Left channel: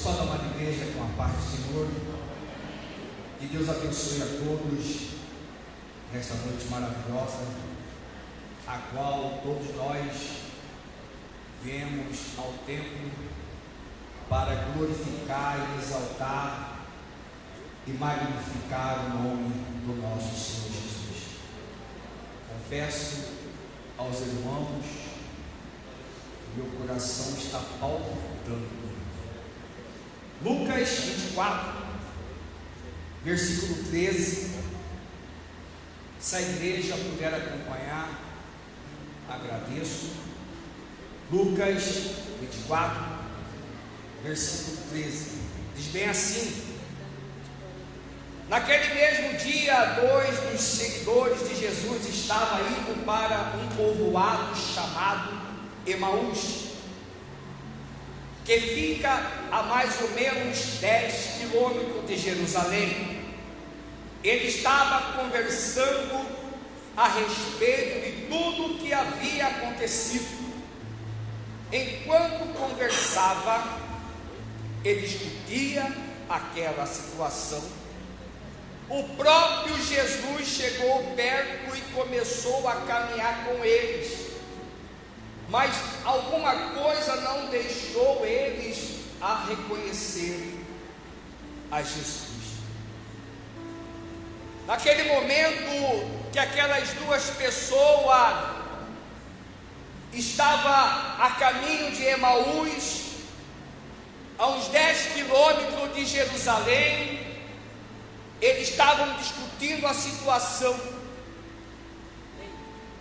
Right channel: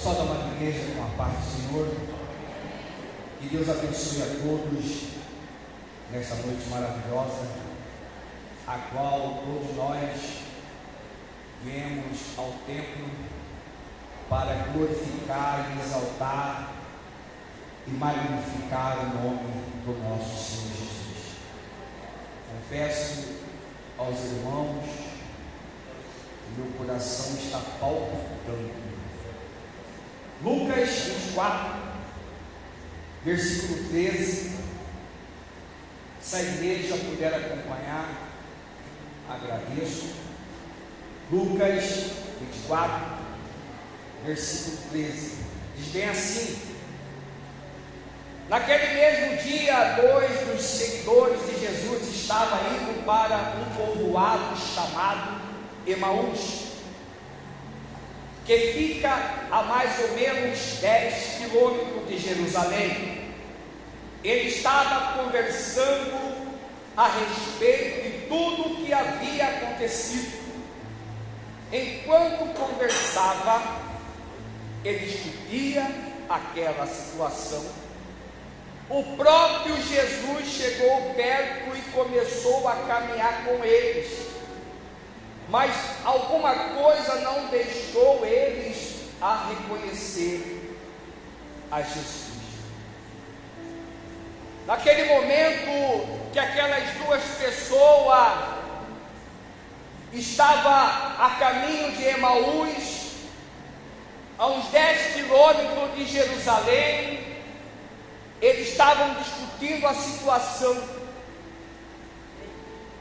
Pessoal da Amada Igreja, com a paz do Senhor, que Deus abençoe a todos nesta noite maravilhosa, a qual todos nós viemos ao templo para glorificar e exaltar e magnificar o nome do nosso Senhor Jesus. Confesso aos irmãos que meu coração está palpitando. Lucas 24, versículo 13. Se a igreja puder acompanhar, agradeço. Lucas 24, versículo 13, diz bem assim: naquele mesmo dia, dois dos seguidores de Jesus estavam indo para um povoado chamado Emaús, que fica a mais ou menos 10 quilômetros de Jerusalém. Ele estava conversando a respeito de tudo o que havia acontecido. Enquanto conversava, ele discutia aquela situação. O próprio Jesus chegou perto e começou a caminhar com eles, mas alguma coisa não deixou eles a reconhecer a Jesus. Naquele momento que aquelas duas pessoas estavam a caminho de Emaús, a uns 10 quilômetros de Jerusalém, eles estavam discutindo a situação.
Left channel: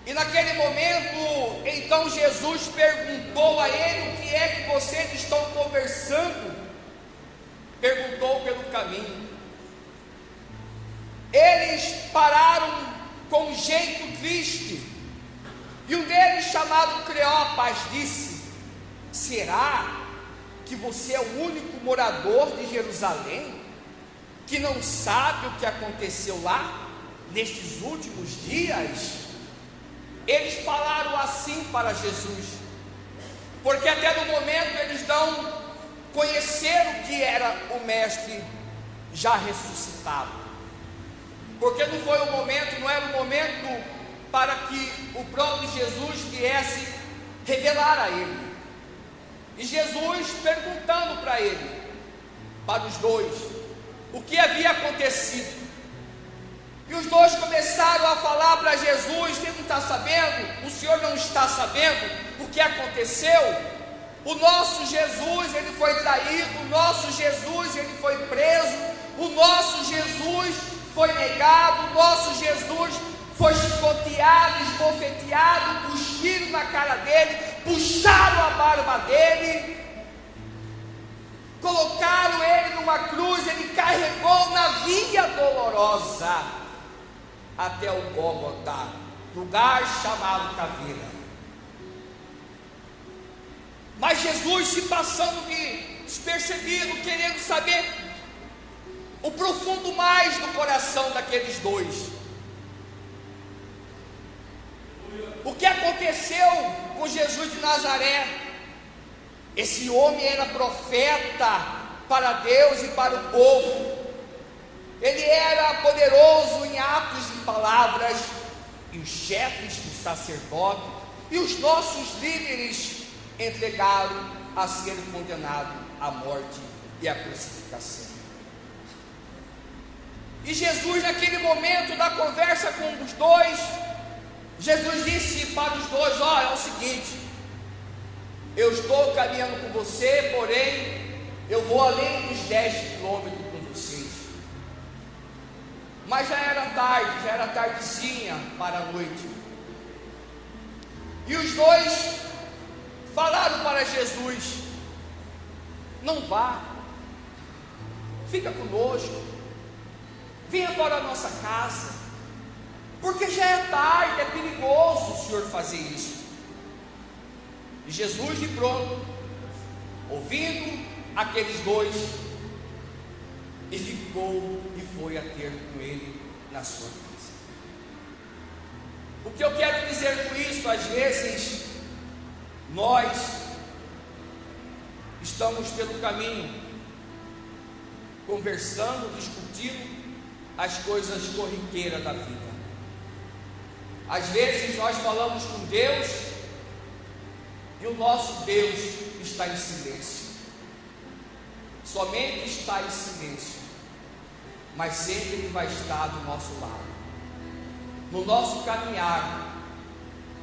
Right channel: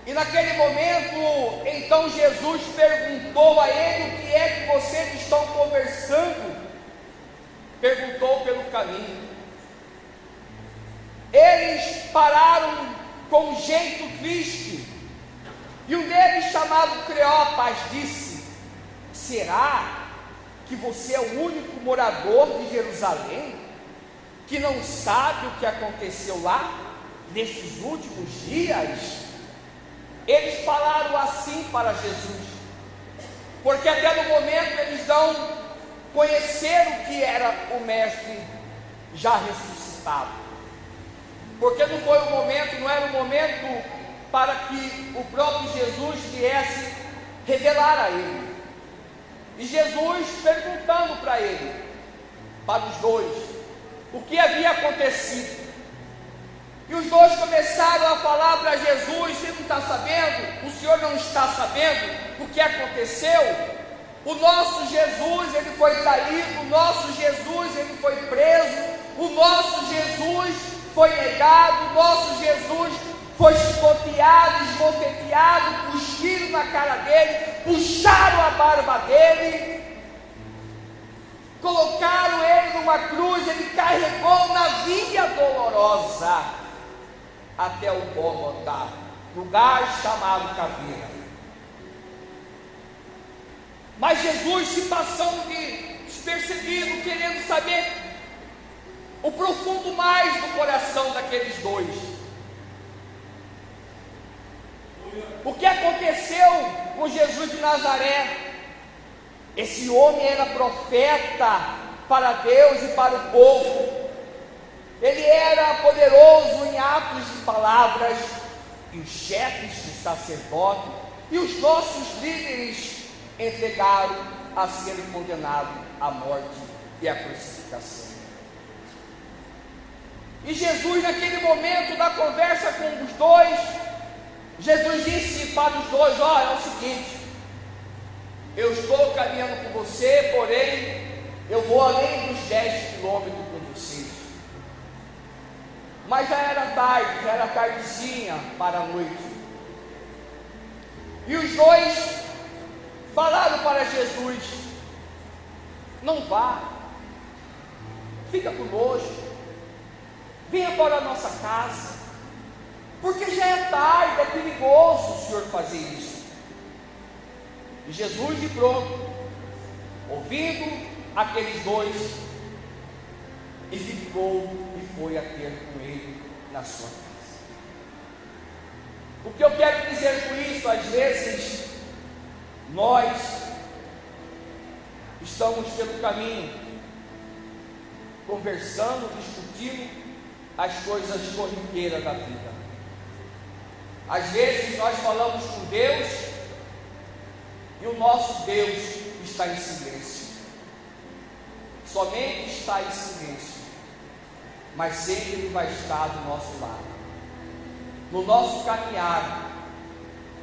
E naquele momento, então Jesus perguntou a ele: o que é que vocês estão conversando? Perguntou pelo caminho. Eles pararam com um jeito triste, e um deles, chamado Cleopas, disse: será que você é o único morador de Jerusalém que não sabe o que aconteceu lá nestes últimos dias? Eles falaram assim para Jesus, porque até no momento eles não conheceram o que era o Mestre já ressuscitado, porque não foi o momento, não era o momento para que o próprio Jesus viesse revelar a ele. E Jesus perguntando para ele, para os dois, o que havia acontecido. E os dois começaram a falar para Jesus: você não está sabendo? O Senhor não está sabendo o que aconteceu? O nosso Jesus, ele foi traído, o nosso Jesus, ele foi preso, o nosso Jesus foi negado, o nosso Jesus foi chicoteado, esbofeteado, cuspiram na cara dele, puxaram a barba dele, colocaram ele numa cruz, ele carregou na via dolorosa até o Gólgota, lugar chamado Caveira. Mas Jesus se passando de despercebido, querendo saber o profundo mais do coração daqueles dois. O que aconteceu com Jesus de Nazaré? Esse homem era profeta para Deus e para o povo. Ele era poderoso em atos e palavras, e os chefes dos sacerdotes e os nossos líderes entregaram a ser condenado à morte e à crucificação. E Jesus, naquele momento da conversa com os dois, Jesus disse para os dois: ó, é o seguinte, eu estou caminhando com você, porém eu vou além dos 10 quilômetros com vocês. Mas já era tardezinha para a noite. E os dois falaram para Jesus: não vá, fica conosco, venha para a nossa casa, porque já é tarde, é perigoso o Senhor fazer isso. E Jesus, de pronto, ouvindo aqueles dois, e ficou e foi a ter com ele na sua casa. O que eu quero dizer com isso? Às vezes nós estamos pelo caminho conversando, discutindo as coisas corriqueiras da vida. Às vezes nós falamos com Deus e o nosso Deus está em silêncio. Somente está em silêncio, mas sempre Ele vai estar do nosso lado, no nosso caminhar,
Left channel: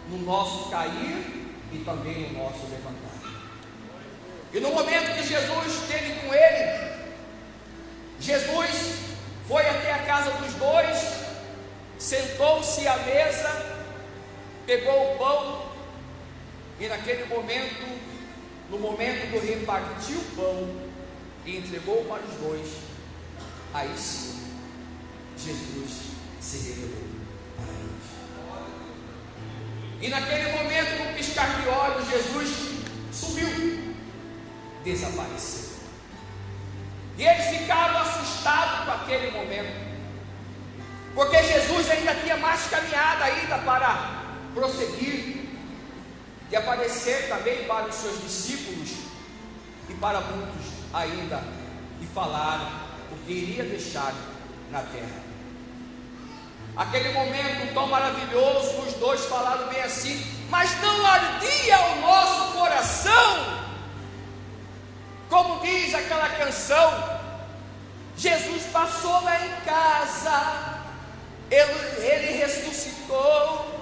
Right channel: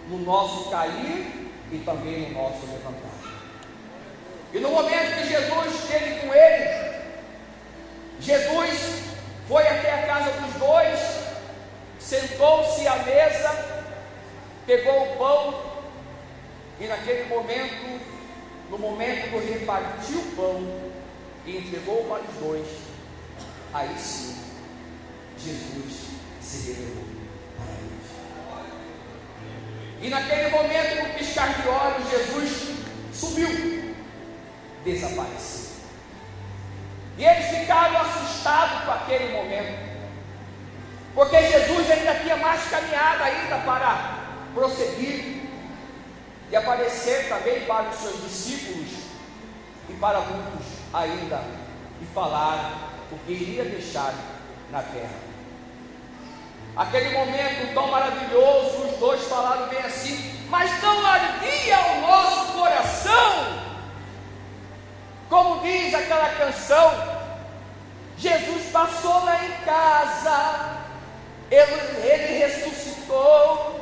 no nosso cair e também no nosso levantar. E no momento que Jesus esteve com ele, Jesus foi até a casa dos dois, sentou-se à mesa, pegou o pão e naquele momento, no momento do repartir o pão e entregou para os dois, aí sim, Jesus se revelou para eles. E naquele momento, no piscar de olhos, Jesus sumiu, desapareceu. E eles ficaram assustados com aquele momento, porque Jesus ainda tinha mais caminhada ainda para prosseguir e aparecer também para os seus discípulos e para muitos ainda, e falar o que iria deixar na terra. Aquele momento tão maravilhoso, os dois falaram bem assim: mas não ardia o nosso coração? Como diz aquela canção, Jesus passou lá em casa, ele ressuscitou,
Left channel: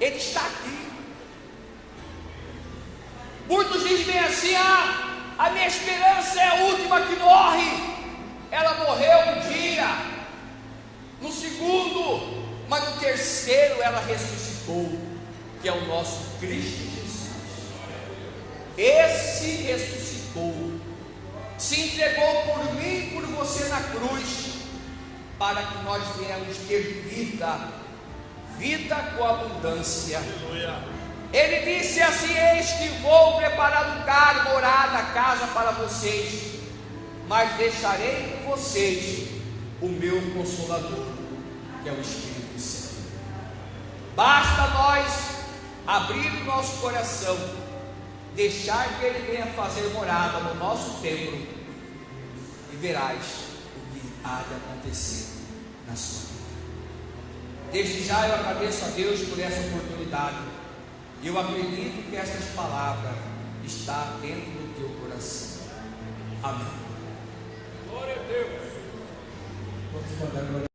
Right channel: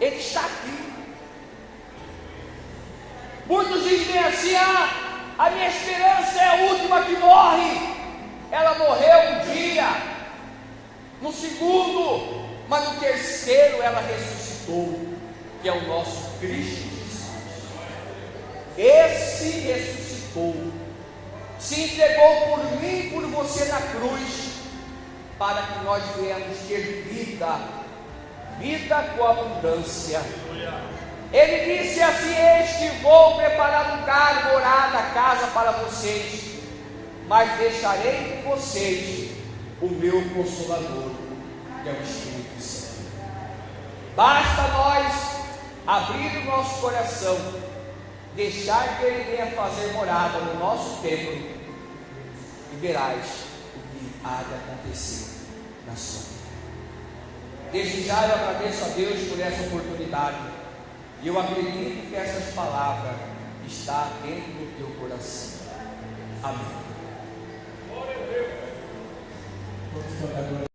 Ele está aqui. Muitos dizem assim: a minha esperança é a última que morre. Ela morreu um dia, no segundo, mas no terceiro ela ressuscitou, que é o nosso Cristo Jesus. Esse ressuscitou, se entregou por mim e por você na cruz, para que nós venhamos ter vida, vida com abundância. Ele disse assim: eis que vou preparar lugar, morada, casa para vocês, mas deixarei com vocês o meu Consolador, que é o Espírito Santo. Basta nós abrir o nosso coração, deixar que Ele venha fazer morada no nosso templo, e verás o que há de acontecer na sua vida. Desde já eu agradeço a Deus por essa oportunidade. Eu acredito que essas palavras estão dentro do teu coração. Amém. Glória a Deus.